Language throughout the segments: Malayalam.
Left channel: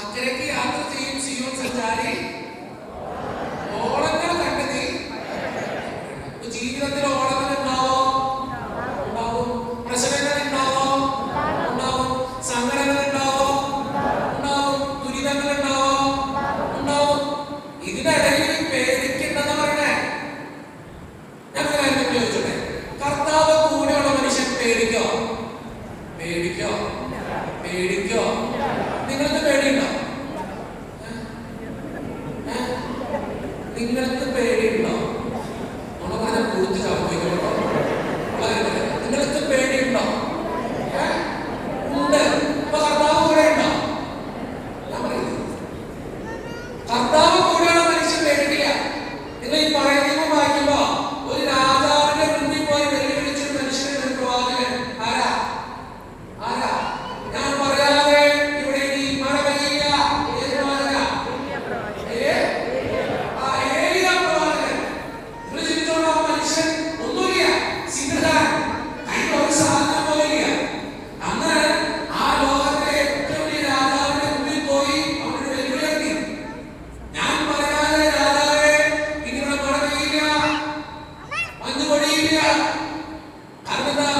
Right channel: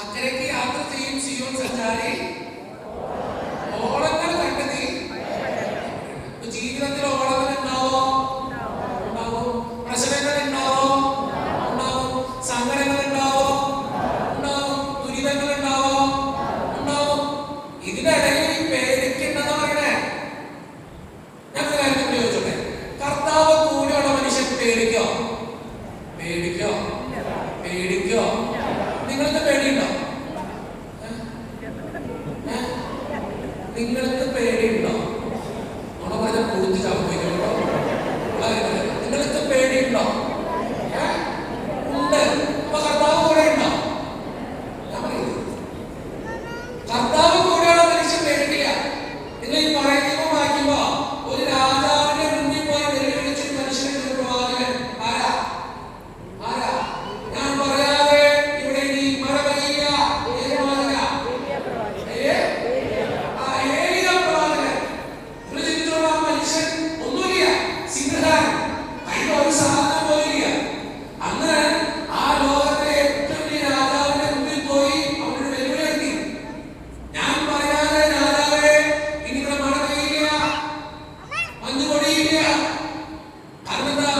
അക്കരയ്ക്ക് യാത്ര ചെയ്യും സിയോൻ സഞ്ചാരി, ഓളങ്ങൾ കണ്ട് നീ. ജീവിതത്തിൽ ഓളങ്ങൾ ഉണ്ടാവോ? ഉണ്ടാവും. പ്രശ്നങ്ങൾ ഉണ്ടാവോ? ഉണ്ടാവും. സങ്കടങ്ങൾ ഉണ്ടാവോ? ഉണ്ടാവും. ദുരിതങ്ങൾ ഉണ്ടാവോ? ഉണ്ടാവും. ഇതിനിടയിൽ പേടിക്കണ്ടെന്ന് പറയണേ. ഞാൻ കാര്യം ചോദിച്ചോട്ടെ, കർത്താവ് കൂടെയുള്ള മനുഷ്യൻ പേടിക്കോ? പേടിക്കോ? പേടിക്കോ? നിങ്ങൾക്ക് പേടിയുണ്ടോ? നിങ്ങൾക്ക് പേടിയുണ്ടോ? നമ്മളെ കുറിച്ച് ചർച്ചയ്ക്കോ? നിങ്ങൾക്ക് പേടിയുണ്ടോ? ഉണ്ട്. അപ്പൊ കർത്താവ് കൂടെ ഉണ്ടോ? ഞാൻ പറയുന്നത് കർത്താവ് കൂടെയുള്ള മനുഷ്യൻ പേടിക്കില്ല. നിങ്ങൾ ഈ പറയുന്ന വായിക്കുമ്പോ ഒരു രാജാവിന്റെ മുന്നിൽ പോയി വെല്ലുവിളിച്ചൊരു മനുഷ്യനെ പ്രവാചകൻ ആരാ? ആരാ? ഞാൻ പറയാതെ ഇവിടെ ഇനി മഴ പെയ്യില്ല. ഏത് പ്രവാചകനാ? ഏലിയ പ്രവാചകൻ. നിങ്ങൾ ചിന്തിച്ചോളൂ, ആ മനുഷ്യൻ ഒന്നുമില്ല, സിംഹകാരൻ, കയ്യിൽ ഒരു സാധനം പോയില്ല. അന്ന് ആ ലോകത്തിലെ ഏറ്റവും വലിയ രാജാവിന്റെ മുന്നിൽ പോയി അവരുടെ വെല്ലുവിളി. ഞാൻ പറയാതെ രാജാവേ ഇനി ഇവിടെ മഴ പെയ്യില്ല, മഞ്ഞ് പൊടിയില്ല. കാരണം എന്താ?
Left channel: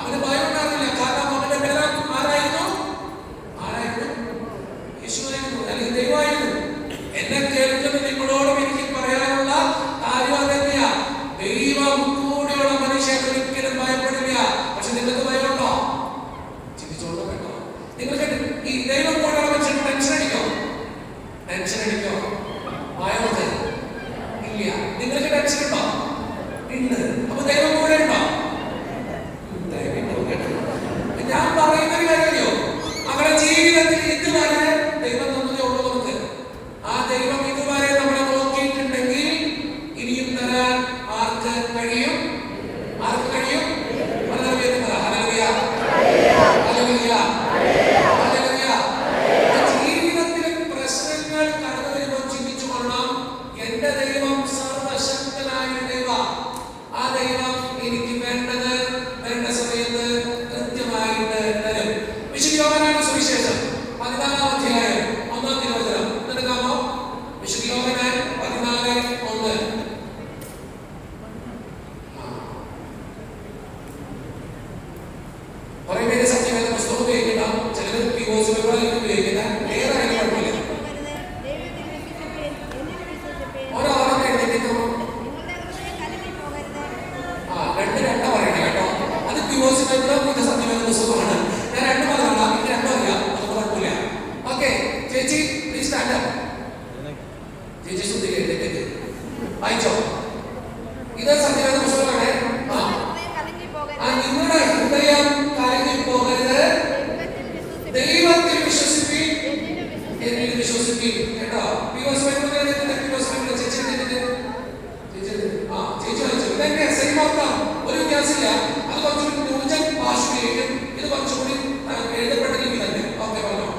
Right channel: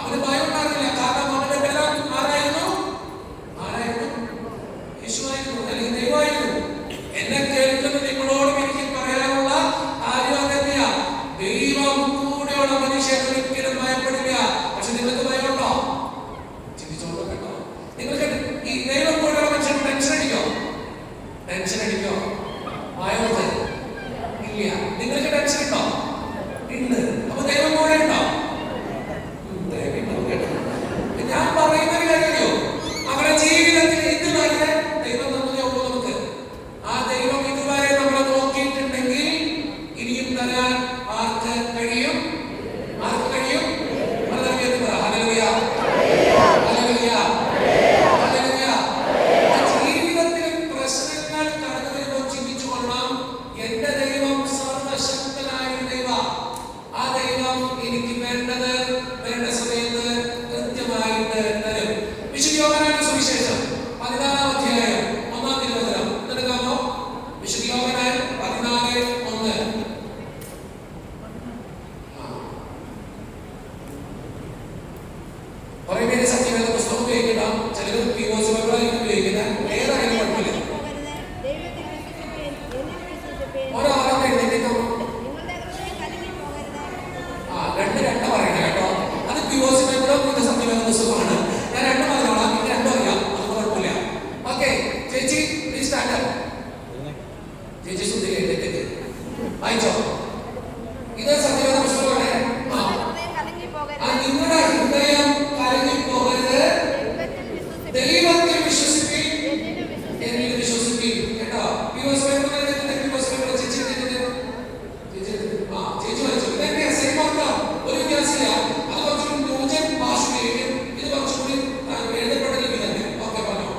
അവന് ഭയം ഉണ്ടായിരുന്നില്ല. കാരണം അവന്റെ ബലം ആരായിരുന്നു? ആരായിരുന്നു? യേശുവായിരുന്നു, അല്ലെങ്കിൽ ദൈവമായിരുന്നു. എന്നെ കേൾക്കുന്ന നിങ്ങളോടും എനിക്ക് പറയാനുള്ള കാര്യം അതന്നെയാ. ദൈവം കൂടെയുള്ള മനുഷ്യൻ ഒരിക്കലും ഭയപ്പെടില്ല. പക്ഷെ നിങ്ങൾക്ക് ഭയമുണ്ടോ? ചിന്തിച്ചോളൂ കേട്ടോ. നിങ്ങൾക്ക് ഈ ദൈവം കൂടെയുള്ള മനുഷ്യൻ ടെൻഷൻ അടിക്കോ? ടെൻഷൻ അടിക്കോ? ഭയമുണ്ട്? ഇല്ല. നിങ്ങൾക്ക് ടെൻഷൻ ഉണ്ടോ? ഉണ്ട്. അപ്പൊ ദൈവം കൂടെ ഉണ്ടോ? ഞാൻ പറയുന്നൊരു കാര്യമോ, അവരുടെ ജീവിതത്തിൽ ഇതുവരെ ദൈവം തന്നതേ ഉള്ളൂ നമുക്ക്. ആ ദൈവം ഇതുവരെ നമ്മളെ നോക്കിയിട്ടുണ്ടെങ്കിൽ ഇനിയും തരാൻ ആർക്ക് കഴിയും? ആർക്ക് കഴിയും? Hallelujah, hallelujah, hallelujah. ജീവിതത്തിൽ പ്രശ്നങ്ങൾ കടന്നു വരുമ്പോൾ ചിന്തിച്ചു കൊള്ളാം, എന്റെ ദൈവം സർവശക്തനായ ദൈവം. ആ ദൈവം എനിക്ക് വേണ്ടത് വേണ്ട സമയത്ത് കൃത്യമായിട്ട് തരും. വിശുദ്ധ യോഹന്നാന്റെ സുവിശേഷം 14-ാം അധ്യായം 1-ാം തിരുവചനം എടുക്കാമോ? വിശുദ്ധ യോഹന്നാൻ 14:1. കുറെ പേര് സത്യവേദ പുസ്തകം ഉപയോഗിക്കണ്ട, ചിലർ POC ഉപയോഗിക്കുന്ന ഏതായാലും കുഴപ്പമില്ല. ഒരാളെ എഴുന്നേറ്റ് രണ്ട് പറയണം കേട്ടോ. അത് POC ഇത് സത്യവേദ പുസ്തകമാണ്. ഞാൻ രണ്ടും പറഞ്ഞോളാം, ഇത് രണ്ടും അറിയാം, അത് കുഴപ്പമില്ല. ഓക്കെ ചേച്ചി, പ്ലീസ് സ്റ്റാൻഡ് അപ്പ്. ചേച്ചി ശ്രദ്ധിക്കുക, എഴുന്നേറ്റ് വായിച്ചോ. ഇത് സത്യവേദ പുസ്തകമാണ്. നിങ്ങളുടെ ഹൃദയം കലങ്ങിപ്പോകരുത്, ദൈവത്തിൽ വിശ്വസിപ്പിൻ, എന്നിൽ വിശ്വസിപ്പിൻ. കേട്ടോ? POC ചേച്ചി വായിച്ചു. ഇതൊക്കെ സെയിം അർത്ഥം, ഒരു വ്യത്യാസമില്ല. അത് കുറച്ചുകൂടി ന്യൂജൻ ഭാഷയിലും ഇത് കുറച്ചുകൂടി എഴുതപ്പെട്ട രീതി തന്നെ. ഓക്കെ, പറഞ്ഞോ.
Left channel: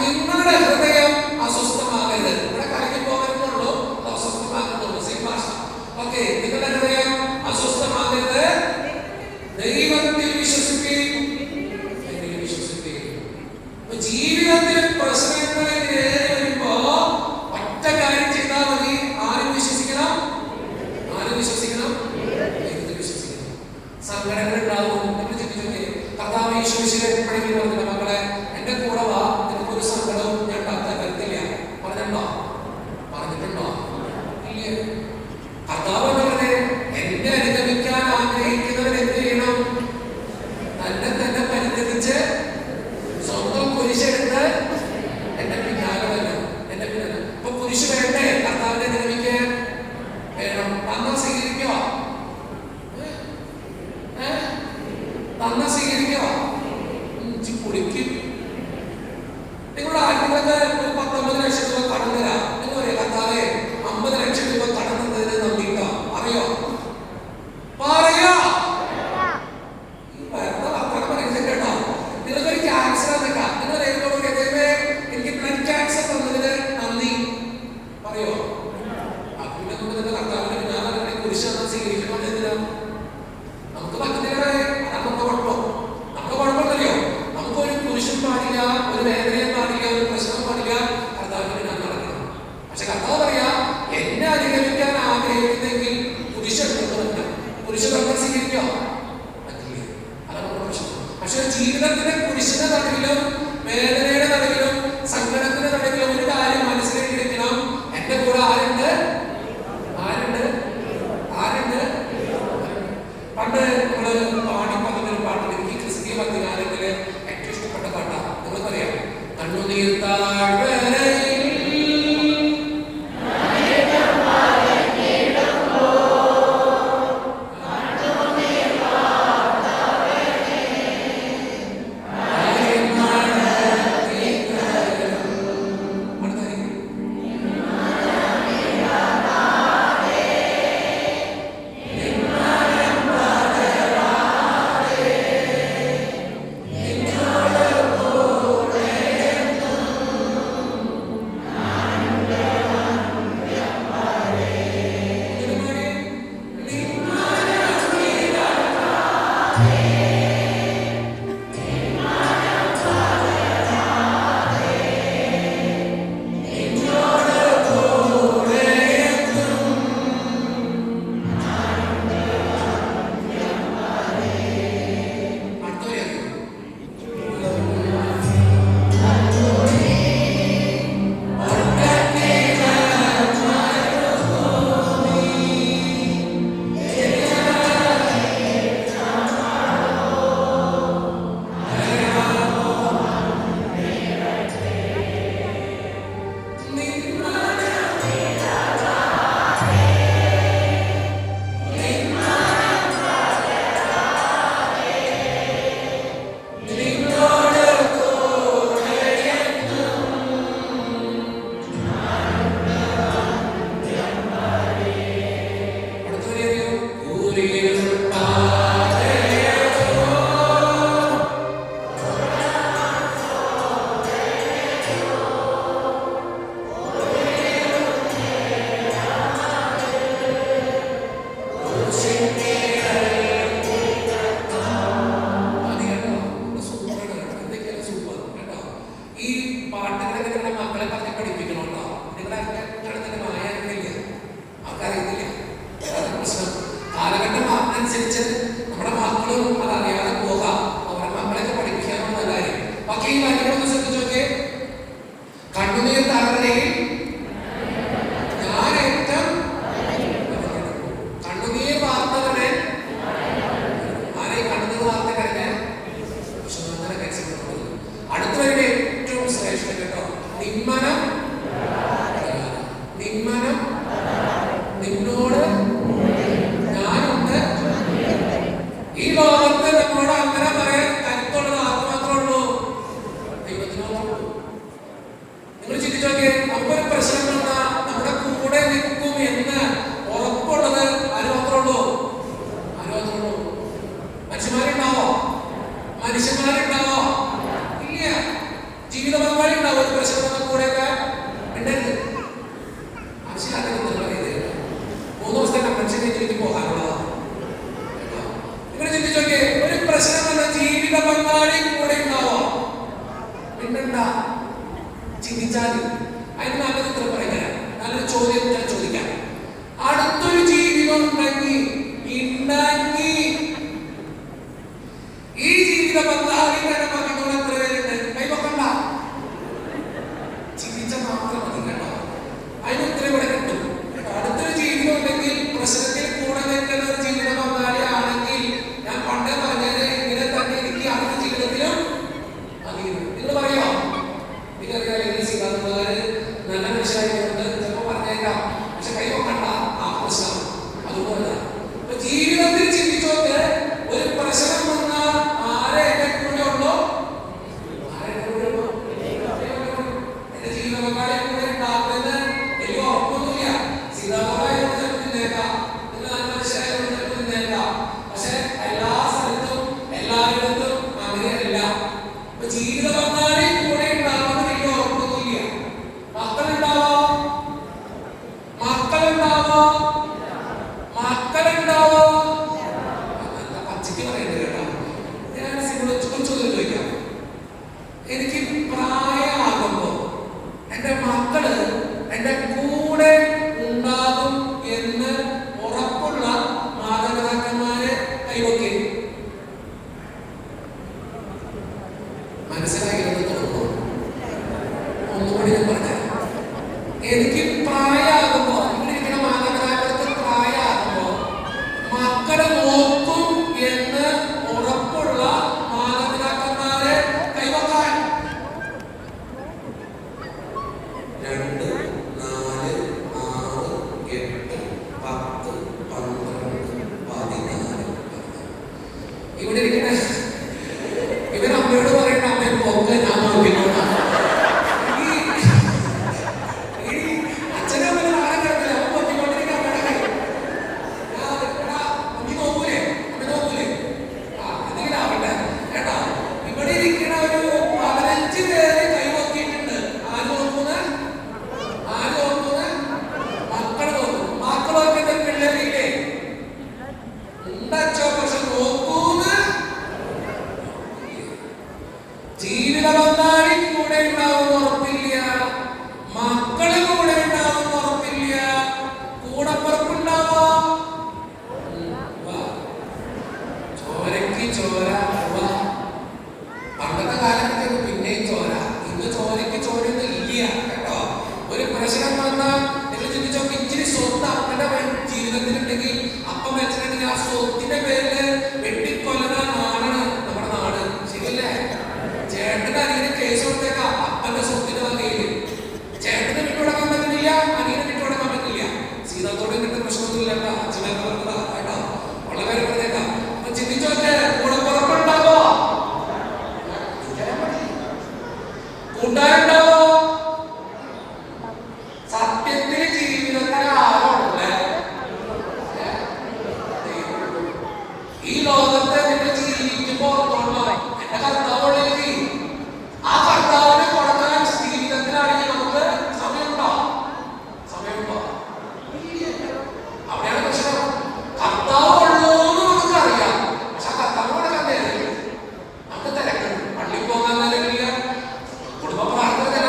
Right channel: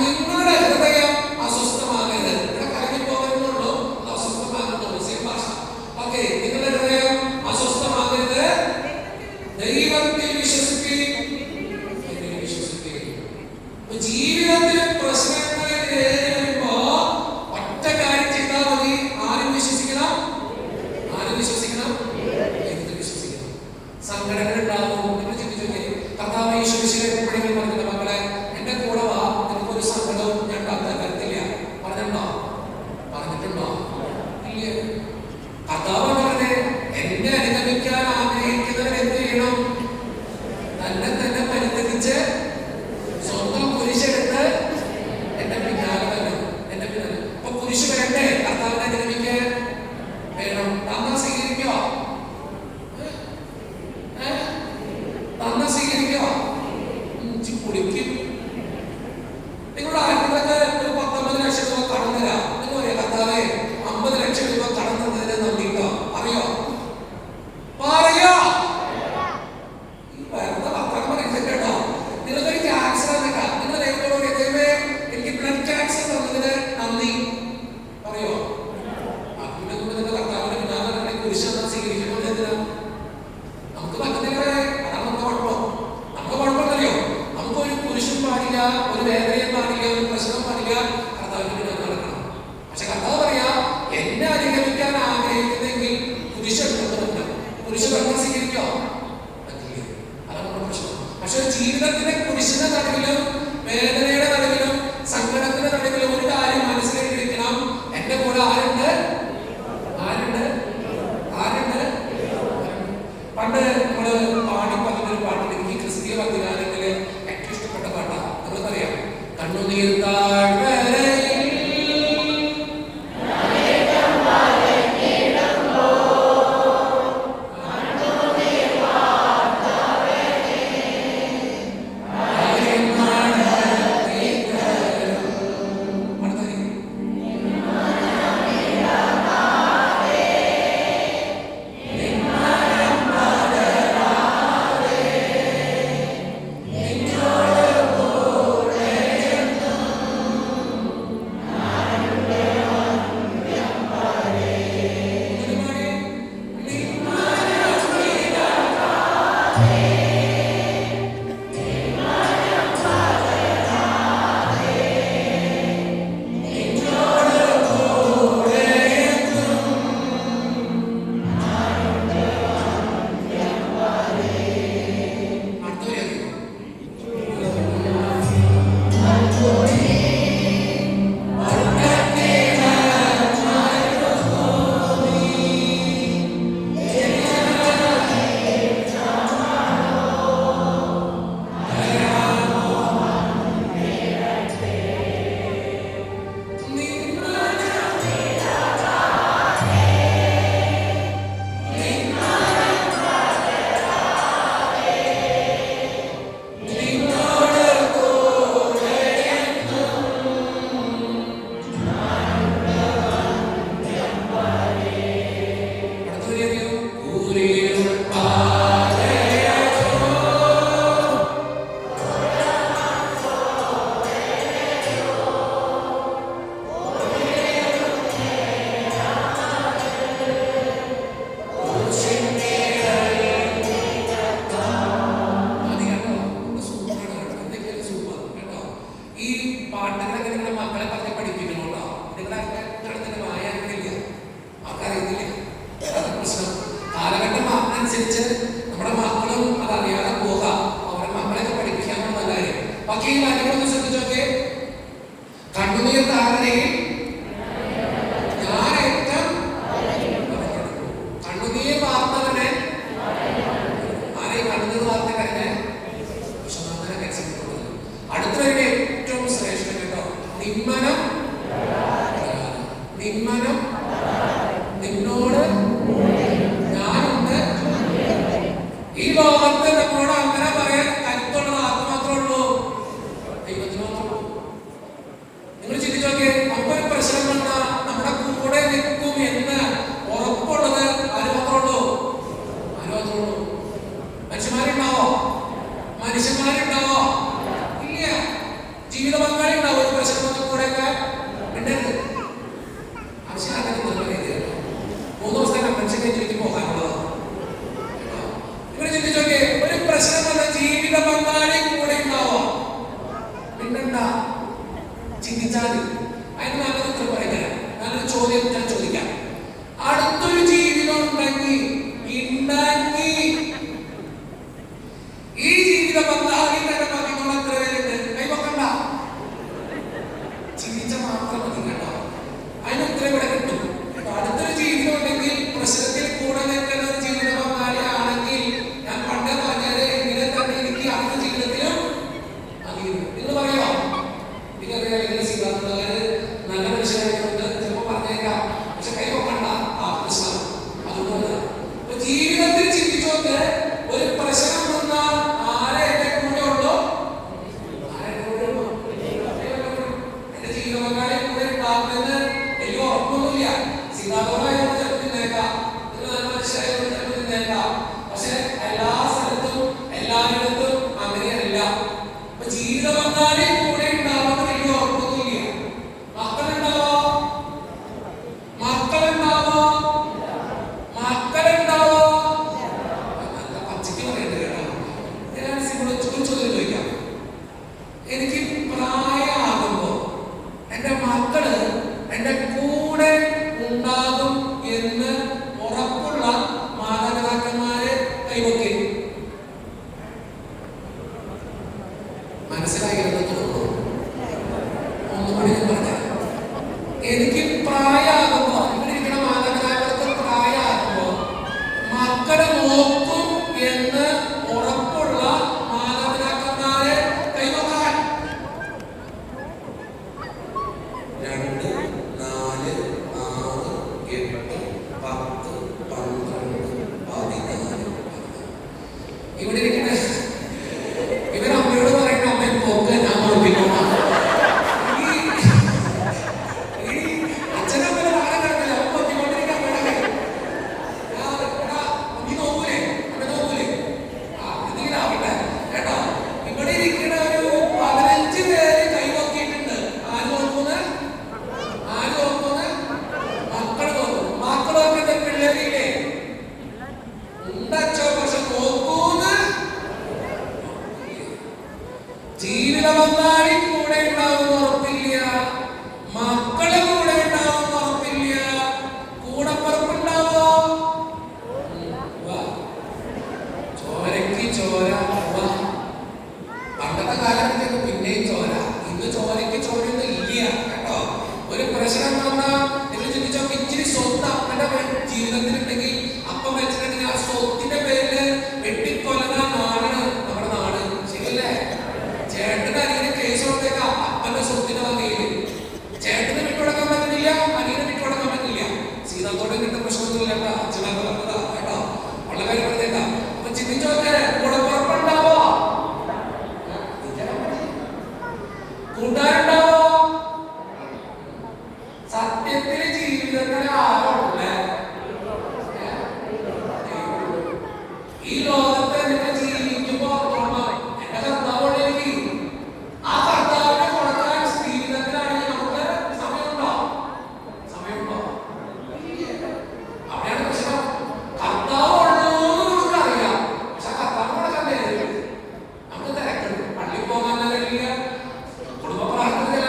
നിങ്ങളുടെ ഹൃദയം അസ്വസ്ഥമാകരുത്. ഇവിടെ കലങ്ങി പോകരുന്നുള്ളൂ, അസ്വസ്ഥമാകുന്നുള്ളൂ. സെയിം ഭാഷ. ഓക്കെ, നിങ്ങളുടെ ഹൃദയം അസ്വസ്ഥമാകരുത്, ദൈവത്തിൽ വിശ്വസിപ്പിൻ, എന്നിൽ വിശ്വസിപ്പിൻ. ജീവിതത്തിൽ പ്രശ്നങ്ങൾ വരുമ്പോ ഒറ്റ കാര്യം ചെയ്താൽ മതി. ആരും വിശ്വസിക്കണം? ആരും വിശ്വസിക്കണം? ദൈവത്തിൽ വിശ്വസിക്കണം. സങ്കടങ്ങൾ ഉണ്ടാവും. നമ്മൾ ചിന്തിച്ചോക്കെ, കർത്താവ് യേശുവിനെ എപ്പോഴെങ്കിലും പറഞ്ഞില്ല, മക്കളെ എന്റെ കൂടെ വാ, നിനക്കൊരു സങ്കടവും ഞാൻ തരത്തില്ല. പറഞ്ഞിട്ടുണ്ടോ? പറഞ്ഞിട്ടുണ്ടോ? ഇല്ല. കർത്താവ് പറഞ്ഞത്, എന്നെ അനുഗമിക്കാൻ ആഗ്രഹിക്കുന്നവർ എന്ത് ചെയ്യണം? തന്നെ തന്നെ പരിത്യജിച്ച് സ്വന്തം കുരിശെടുത്ത് ഒരു വേദനയും പാടില്ല, ഒരു പ്രശ്നവും പാടില്ല, കർത്താവിന് ഞാൻ നടക്കണം. പക്ഷെ കർത്താവ് പറയാ, എന്നെ അനുഗമിക്കാൻ ആഗ്രഹിക്കുന്നെങ്കിൽ കുരിശെടുത്തു പറ്റും. കുരിശെടുക്കാൻ സ്വീകരിക്കോ? പറ്റില്ല. അതാണ് നമ്മുടെ പ്രശ്നം. പക്ഷെ ജീവിതത്തിന്റെ കുരിശിന്റെ നടുവിലും വേദനയുടെ നടുവിലും സങ്കടത്തിന്റെ നടുവിലും ഒരു കാര്യം മനസ്സിലാക്കിയിരിക്കണം, എന്റെ കൂടെ ആരുണ്ട്? ആരുണ്ട്? ആരുണ്ട്? പണ്ട് നമ്മള് പാടി പറഞ്ഞൊരു പാട്ടുണ്ട്, എനിക്ക് ക്രിസ്തീയ ഭക്തിഗാനത്തില് ഏറ്റവും ഇഷ്ടപ്പെട്ട പാട്ടാണ്. നിങ്ങൾക്കറിയാം, കണ്ണുനീർ താഴ്വരയിൽ ജീവിതത്തിൽ ചിന്തിച്ചോ കൂട്ടുകാരുണ്ടാവോ? സത്യത്തിന് ജീവിതത്തിന് ആരോടുള്ള ഈ ലോകത്തെ നിങ്ങൾ ജീവിക്കുമ്പോ എന്റെ കർത്താവോടേക്ക് ആ കർത്താവിനെ കൊടുക്കാൻ ജീവിതത്തിലാണെങ്കിൽ നമുക്ക് സമയമുണ്ടോ? സമയമുണ്ടോ? അവിടെയാണ് പ്രശ്നം. കർത്താവ് ഉള്ളൂന്ന് നമുക്കറിയാം, പക്ഷെ കർത്താവ് കൊടുക്കാൻ നേരില്ല. നമുക്ക് തിരക്കുണ്ട്. പള്ളി പോകാൻ അല്ലെങ്കിൽ കുടുംബ പ്രാർത്ഥന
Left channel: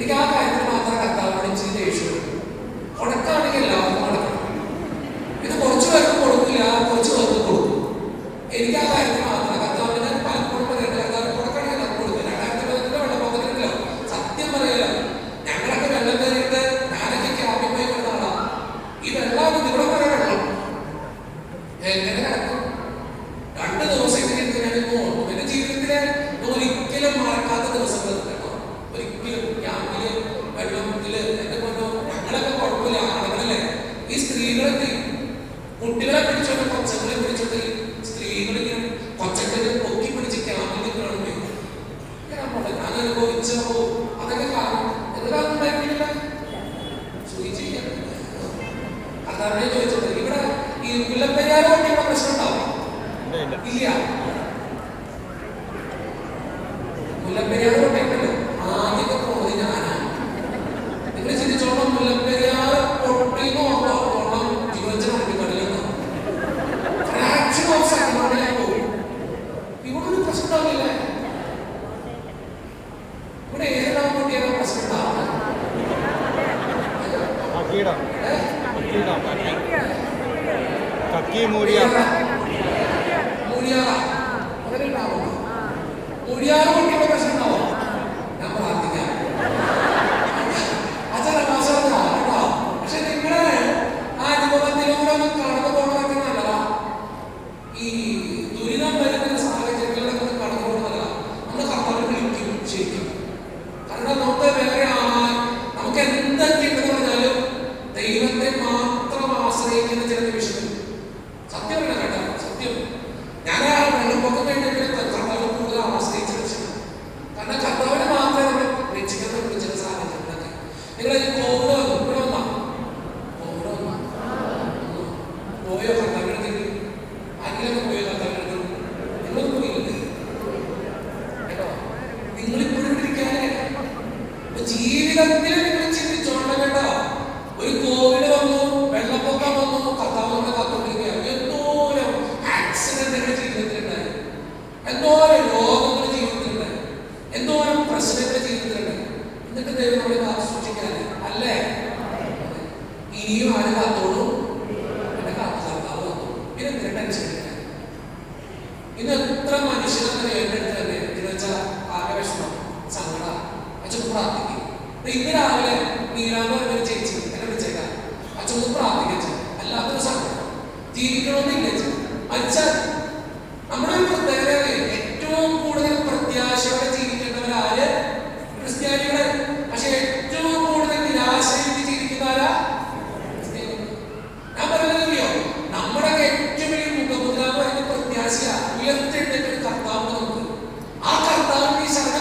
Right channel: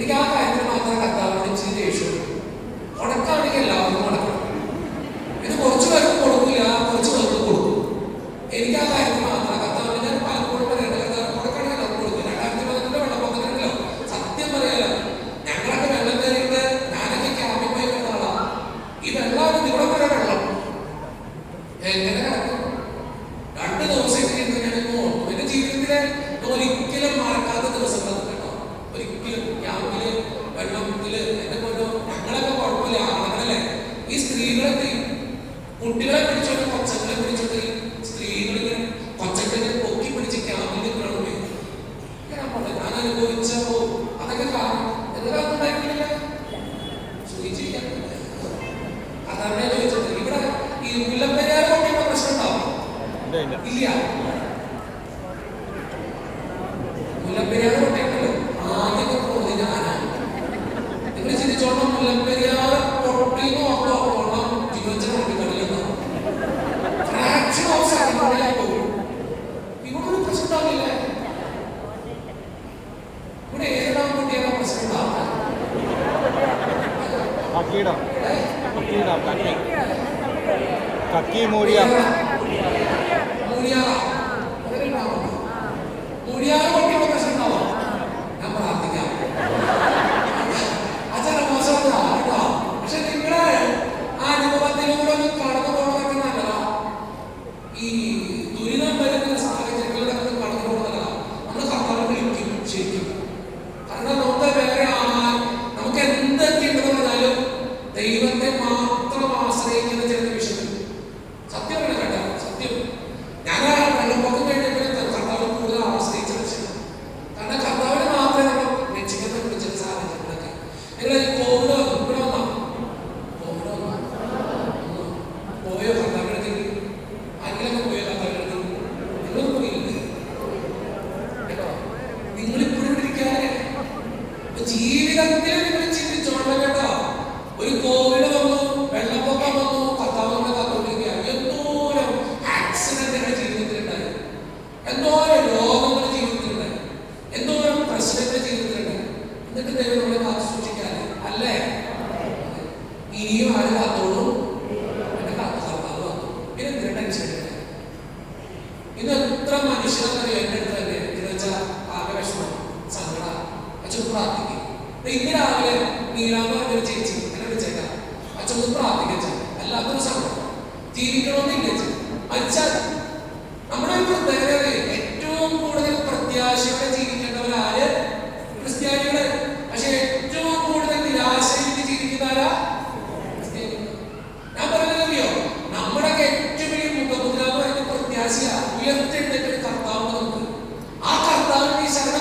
എനിക്ക് ആ കാര്യത്തിൽ മാത്രം കർത്താവിനോട് ഇച്ചിരി ദേഷ്യം. ഉണക്കാണെങ്കിൽ എല്ലാവർക്കും ഉണക്കണം. ഇത് കുറച്ചു പേർക്ക് കൊടുക്കില്ല, കുറച്ചു പേർക്ക് കൊടുക്കും. എനിക്ക് ആ കാര്യത്തിൽ മാത്രം കർത്താവിന് ഞാൻ പലപ്പോഴും പറയുന്നത് കർത്താവ് ഉണക്കാണെങ്കിൽ എല്ലാവർക്കും കൊടുക്കും. 2015 വെള്ളപ്പൊക്കത്തിനല്ലോ സത്യം പറയാലോ, ഞങ്ങളൊക്കെ വെള്ളം കയറിയിട്ട് ഞാനൊക്കെ ക്യാമ്പിമായി വരുന്ന ആളാ. ഈ വെള്ളം ഇവിടെ വരെ വെള്ളം എങ്ങനെ കിടക്കും? 2 ദിവസത്തേക്ക് ഞാൻ ഓർക്കും. എന്റെ ജീവിതത്തിലെ ഒരിക്കലും മറക്കാത്ത ദിവസങ്ങൾ കേട്ടോ. ഒരിക്കലും ക്യാമ്പില് വെള്ളത്തില് എന്റെ കൊണ്ടോ ഞങ്ങളൊക്കെ കുഴപ്പമില്ല, ആളുകളല്ലേ. ഈ സ്ത്രീകളെ കുട്ടികളെ പിടിച്ചോണ്ട് കൊച്ചങ്ങളെ പിടിച്ചോണ്ട് സ്ത്രീകളിങ്ങനെ കൊച്ചങ്ങളെ പൊക്കി പിടിച്ച് ക്യാമ്പിൽ നിൽക്കണമെന്ന് ഞാൻ അനുഭവിച്ചോ. അതൊക്കെ കാരണം എന്തെങ്കിലും ഉണ്ടായിരുന്നില്ല. അതാണ് ചോദിച്ചത്. ഇവിടെ ഈ മുല്ലപ്പെരിയാർ കൊണ്ടുള്ള പ്രശ്നം ഉണ്ടാവും ഇല്ല. മുല്ലപ്പെരിയാർ കൊണ്ടല്ലോ ആദ്യമൊക്കെ പോകുന്നത് ഞാനാണ്. നിങ്ങൾ ചിന്തിച്ചോളം മുല്ലപ്പെരിയാർ പൊട്ടിന്ന് ഓർത്തോളം ജീവനത്തിനുള്ളിൽ ഫ്രാക്ഷൻ ഓഫ് സെക്കൻഡിലായി പോകും. ഇവിടെ ഒരു പ്രശ്നം ഉണ്ടാവില്ലേ? ഇവിടെ ഏതെല്ലാം പൊട്ടിയാലും പ്രശ്നം ഉണ്ടാവില്ല. മൂടിയാറ പൊട്ടിയുള്ള പ്രശ്നം ഉണ്ടാവും. ഞാൻ പ്രാർത്ഥിക്കാം. കേട്ടോ. പക്ഷെ നിങ്ങളെ ആ അനുഭവത്തിലൂടെ ഒന്ന് കടന്നു പോകണമെങ്കിൽ നല്ലതാ. ഈ ദുരിതം വരുന്ന സാഹചര്യങ്ങളിലൂടെ ഒന്ന് കടന്നു പോകുന്നതല്ല. നമ്മൾ കർത്താവിനെ വിളിക്കും ശരിക്കും. കാരണം നമുക്ക് വേറെ നമുക്ക് എന്തൊക്കെ ഉണ്ടെന്ന് പറഞ്ഞാലും ദൈവത്തെ മാത്രം ആശ്രയിക്കുന്ന ചില നിമിഷങ്ങൾ സത്യം കേട്ടോ. സത്യം ഞാൻ ആ വെള്ളപ്പൊക്കം കഴിഞ്ഞപ്പോൾ കർത്താവിനെ കൂടുതൽ ആശ്രയിച്ച വിഷയം. കാരണം കർത്താവിനെ മാത്രമേ നമ്മൾ രക്ഷിക്കുന്ന വിളിച്ച സാഹചര്യങ്ങളൊക്കെ. നിങ്ങൾ ഈ കോവിഡ് ഇവിടെ വന്നോ? പോയോ കർത്താവിനടുത്ത്? ആരെങ്കിലൊക്കെ പോയോ കർത്താവിനടുത്ത്? നിങ്ങളൊന്നും പോയില്ലേ കേട്ടോ. നിങ്ങളിപ്പോഴും ഇരിക്കാതെ ജീവിതത്തിൽ നിങ്ങൾ ചിന്തിച്ചോണ്ട കേട്ടോ. ഒരു കോവിഡ് വന്നു, വെള്ളപ്പൊക്കം വന്നു, കർത്താവ് നമ്മളെ കാത്തുകൊണ്ടിരിക്കുകയാണ്. എന്തോരം ആക്സിഡന്റുകൾ ജീവിതത്തിലുണ്ടായി, എന്തോരം രോഗങ്ങൾ ജീവിതത്തിലുണ്ടായി, എന്തോരം പ്രശ്നങ്ങൾ ജീവിതത്തിലുണ്ടായി. എന്നിട്ട് ദൈവം നമ്മളെ കാത്തു സൂക്ഷിക്കാതെ അല്ലേ? ഇനിയും ആര് കാത്തോളൂ? എന്റെ കാത്തു കർത്താവ് കാത്തു. പിന്നെ ടെൻഷൻ ഇന്ന് എത്ര മനുഷ്യനെന്നറിയോ എന്റെ അടുത്ത് തന്നെ എന്ന് വെച്ചാൽ ആകെ വിഷമം, സങ്കടം അച്ഛൻ പ്രാർത്ഥിക്കും. ഇന്ന് രാവിലെ നീരാന്ന് പറഞ്ഞൊരു ചേച്ചി എന്നെ വിളിച്ചേക്കാം, അച്ഛൻ പ്രാർത്ഥിക്കാം. അല്ലാത്തൊരു സങ്കടം ജീവിക്കണമെന്നില്ല. അച്ഛൻ നമ്മുടെ ഒരു പ്രത്യേകത ഏറ്റവും കൂടുതൽ പ്രത്യാശയോടെ ജീവിക്കേണ്ടവരാര്? ക്രിസ്ത്യാനികളെ. പക്ഷെ ഏറ്റവും കൂടുതൽ നിരാശയിൽ ജീവിക്കുന്നവരാ? ഞാൻ പറയുന്നതറിയോ, നമ്മുടെ ഏറ്റവും വലിയ മുഖമുദ്ര എന്ന് പറയുന്ന പ്രത്യാശ. ഉയർത്തെഴുന്നേറ്റ ഒരു കർത്താവ് നമുക്ക്. ആ കർത്താവിന്റെ ഈ ശരണ